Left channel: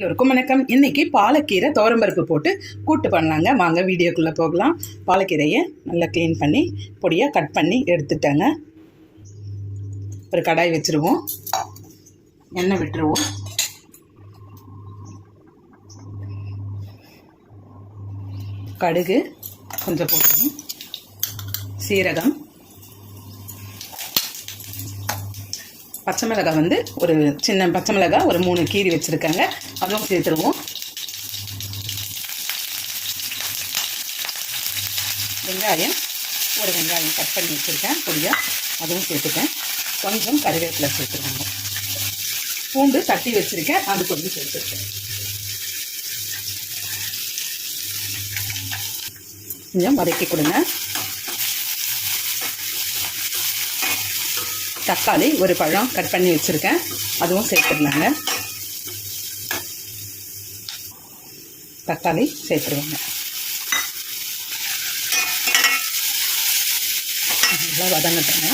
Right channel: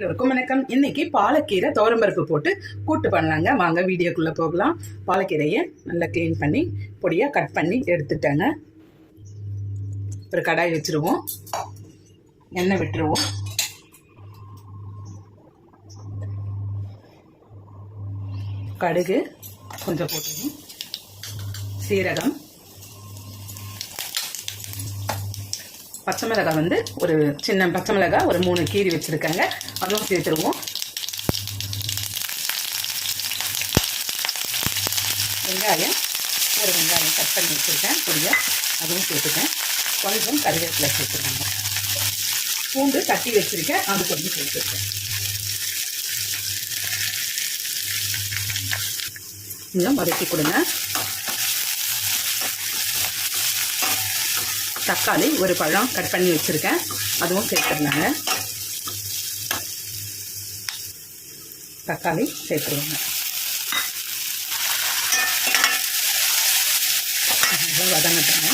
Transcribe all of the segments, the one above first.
எல்லோருக்கும் வணக்கம். இன்றைக்கி பாலக்கீரை துவரம்பருப்பு போட்டு கூட்டு பண்ணலாங்க. வாங்க வீடியோக்குள்ளே போகலாம். பாலக்கீரையை நல்லா க்ளீன் பண்ணி பொடியாக கட் பண்ணி எடுத்துட்டேங்க. ஒரு கடாய் வச்சுருவோம். எண்ணெய் விட்டுருவோம். கடுகு கொஞ்சம் போட்டுருவோம். சீரகம். பச்சை மிளகாய் வந்து ஒரு சின்ன பச்சை மிளகாய் ஒரு மூணு கீரி வச்சுருக்காங்க. அதுவும் சேர்த்துருவோம். வெங்காயம் ஒரு வெங்காயம் கட் பண்ணி வச்சுருக்கேன். பொடியாக அதுவும் சேர்த்துக்கேன் கொஞ்சம் கருவேப்பிலை சேர்த்துருக்காங்க. பூண்டு தட்டி வச்சுருக்கேன். அது கொஞ்சம் சேர்த்துருக்கேன். கொஞ்சம் வதக்கி கொடுங்க. தக்காளி ஒரு பழம் கட் பண்ணி வச்சுருக்கேன். அதுவும் சேர்த்துடலாங்க தக்காளி சேர்த்துருவாங்க. நல்லா வதங்கட்டுங்க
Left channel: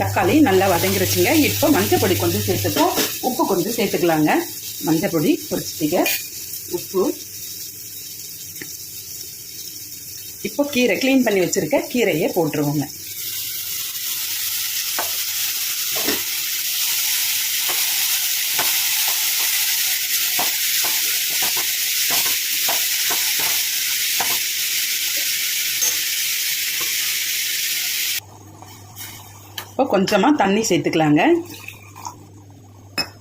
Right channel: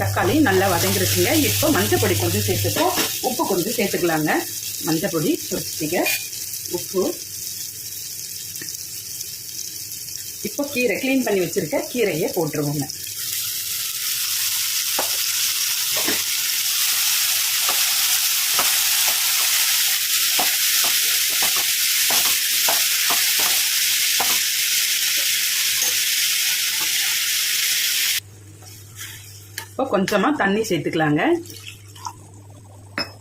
தக்காளி நல்லா வதங்கிருச்சுங்க. இப்போ மஞ்சள் பொடி கொஞ்சம் சேர்த்துப்போம் உப்பு கொஞ்சம் சேர்த்துக்கலாங்க. மஞ்சள் பொடி உப்பு இப்போ கீரை க்ளீன் பண்ணி வச்சுருக்க கீரையை போட்டுருவோங்க. இப்போ கொஞ்சமாக தண்ணி சேர்த்துக்கலாங்க.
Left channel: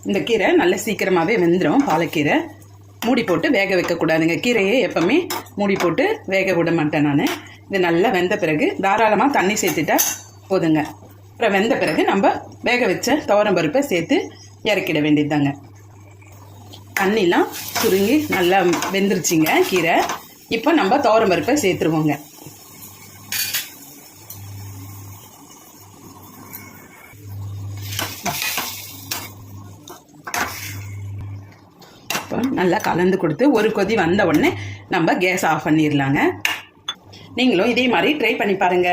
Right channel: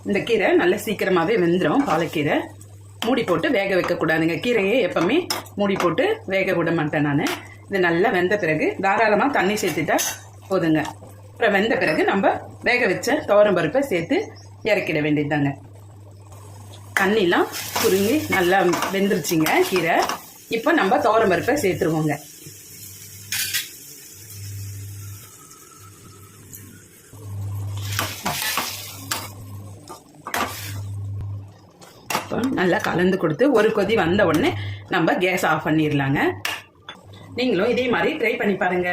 இந்த கீரை நல்ல சீக்கிரமாகவே வெந்துடும் பாலக்கீரை. மூடி போட்டு வேக வைக்கக்கூடாதுங்க கீரையை எப்போவுமே மூடி போட்டு வேக விட மாட்டேன் நான். இது நல்லா வெந்த பிறகு தாராளமாக தண்ணி சேர்த்துட்டா போதுங்க. அப்புறம் வெந்த பிறகு நம்ம வேக வச்ச துவரம் பருப்பை சேர்த்து இறக்கிட வேண்டியதுதாங்க. தண்ணிலாம் சுருங்கி நல்லா வெந்துருச்சுங்க கீரை. இப்போ நம்ம துவரம் பருப்பை சேர்த்துருவோங்க. அப்போ நல்லா கலந்து கொடுத்து ஒரு கொதி வந்த உடனே நம்ம கேஸ் ஆஃப் பண்ணிடலாங்க நீங்களும் இதே மாதிரி ட்ரை பண்ணி பாருங்க.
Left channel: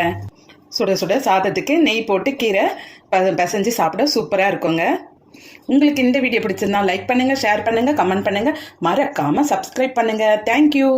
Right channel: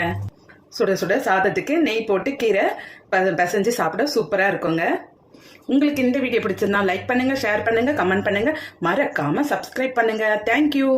சுட சுட சாதத்துக்கு நெய் போட்டு கீரை பசஞ்சு பிசைஞ்சு சாப்பிட சூப்பராக இருக்குங்க. உங்களுக்கு இந்த வீடியோ பிடிச்சிருந்தா லைக் பண்ணுங்கள் ஷேர் பண்ணுங்கள் கமெண்ட் பண்ணுங்கள் மறக்காமல் சப்ஸ்கிரைப் பண்ணுங்கள் தேங்க்யூ